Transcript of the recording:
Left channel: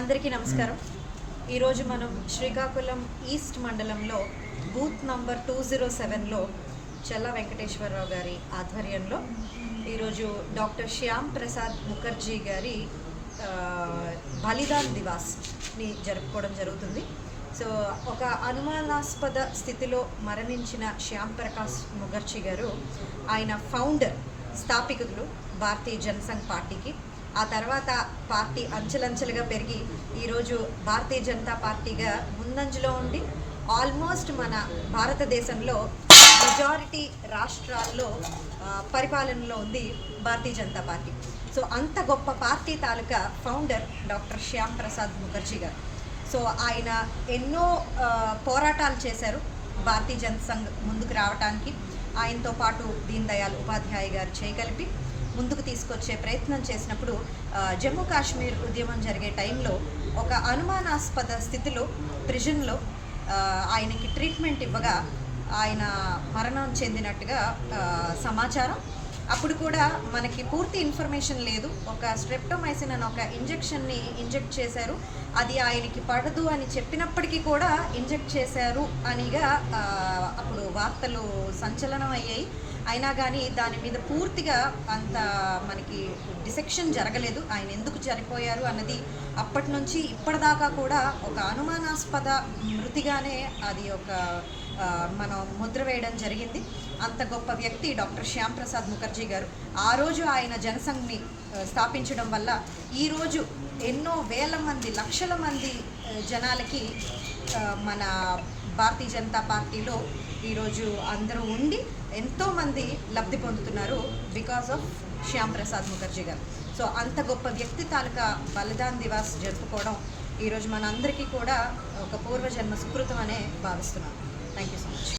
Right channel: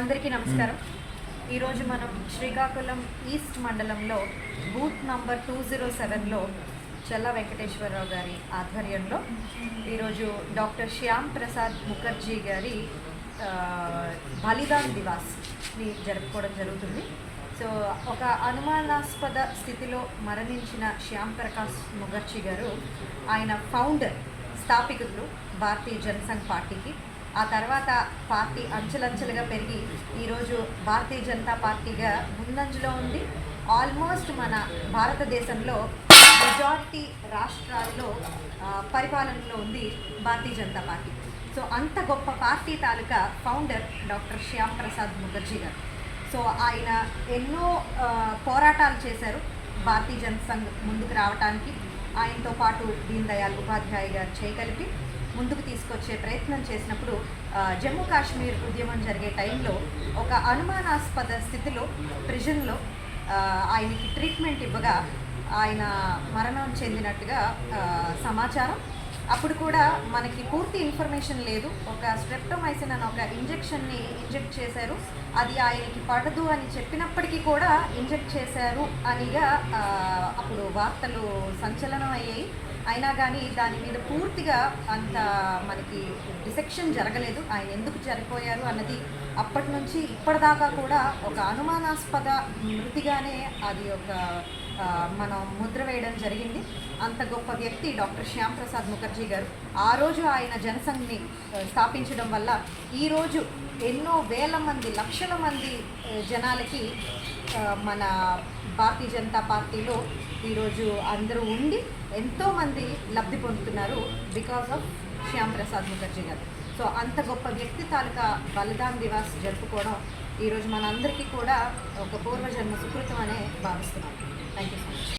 అందరికీ నమస్కారం. ఈరోజు మనం శ్రీకాకుళం ఈస్ట్ మండలంలో బూత్ నంబర్ 207లో చెల్ల వెంకటేశ్వరరావు గారి ఆధ్వర్యంలో ఈరోజు డాక్టర్ శ్యామ్ ప్రసాద్ ముఖర్జీ గారి బలిదాన్ దివాస్ని జరుపుకోవడం జరుగుతుంది. సో ఒక అనుమానాస్పద స్థితిలో మరణించిన శ్యామ్ ప్రకాష్ ముఖర్జీ గారు ఆయన ఫౌండర్, స్థాపికులు భారతీయ జనసంఘ్ పార్టీకి. ఆ తర్వాత పార్టీ అంచెలంచెలుగా పెరిగి ఈరోజు భారతీయ జనతా పార్టీగా ముందంజలో ఉండి ఆల్మోస్ట్ మన భారతదేశంలో మెజారిటీ రాష్ట్రాల్లో పరిపాలనలో ఉంది భారతీయ జనతా పార్టీ. సో అంత గొప్ప పార్టీ తాలూకా ఫౌండర్ డాక్టర్ శ్యామ్ ప్రసాద్ ముఖర్జీ గారు. సో ఆయన ఎన్నో పోరాటాలు చేశారు భారతీయ జనసంఘ్ ముందుకు రావడానికి. ఆయనతో పాటు దీన్ దయాళ్ ఉపాధ్యాయ గారు చేయగలిపి ముందుకు తీసుకొచ్చే ప్రయత్నం చేసినప్పుడు జమ్మూ కాశ్మీర్ ఉద్యమం జరిగే టైంలో ఒక అనుమానాస్పద స్థితిలో ప్రిజన్లో ఆయనకి ట్రీట్మెంట్ ఇవ్వగా ఆయన మరణం చెందినట్టుగా సమాచారం. అప్పుడు కూడా మనకి పూర్తి ఇన్ఫర్మేషన్ లేదు. ఒక స్ట్రెప్టోమైసిన్ అని ఒక ఇంజెక్షన్ని ఇంజెక్ట్ చేశారు. అది ఆయనకి పడదు అని చెప్పినప్పటికీ కూడా ఇంజెక్ట్ చేశారు అనిగా అప్పుడు వార్తలు సంచలనం అయ్యాయి. అయినా కానీ దాని మీద పూర్తిగా అంత మనకి డిసెక్షన్ జరగలేదు. ఆయన ఎందుకు చనిపోయారు అన్నది అప్పటి నుంచి ఇప్పటిదాకా కూడా ఒక అనుమానాస్పద మృతిగానే అది ఒక మనం ముద్ర వేయడం జరిగింది. అంత గొప్ప వ్యక్తి డాక్టర్ శ్యామ్ ప్రసాద్ ముఖర్జీ గారు. ఆ రోజు ఆయన జనసంఘ్ని స్థాపించడం వల్ల ఈరోజు ఎన్నో వేల మంది, లక్షల మంది జనాలకి మన భారతీయ జనతా పార్టీలో ఈరోజు అందరూ ఉండి ఎంతోమంది లబ్ధి పొందుతున్నారు బికాస్ ఆఫ్ శ్యామ్ ప్రసాద్ ముఖర్జీ గారు. సో అంత గొప్ప వ్యక్తి తాలూకా బలిదాన్ దివాస్ జరుపుకోవడం ఈరోజు మనందరికీ కూడా ఒక పూర్వజన్మ సుకృతం అనే భావిస్తున్నాను. Thank you so much.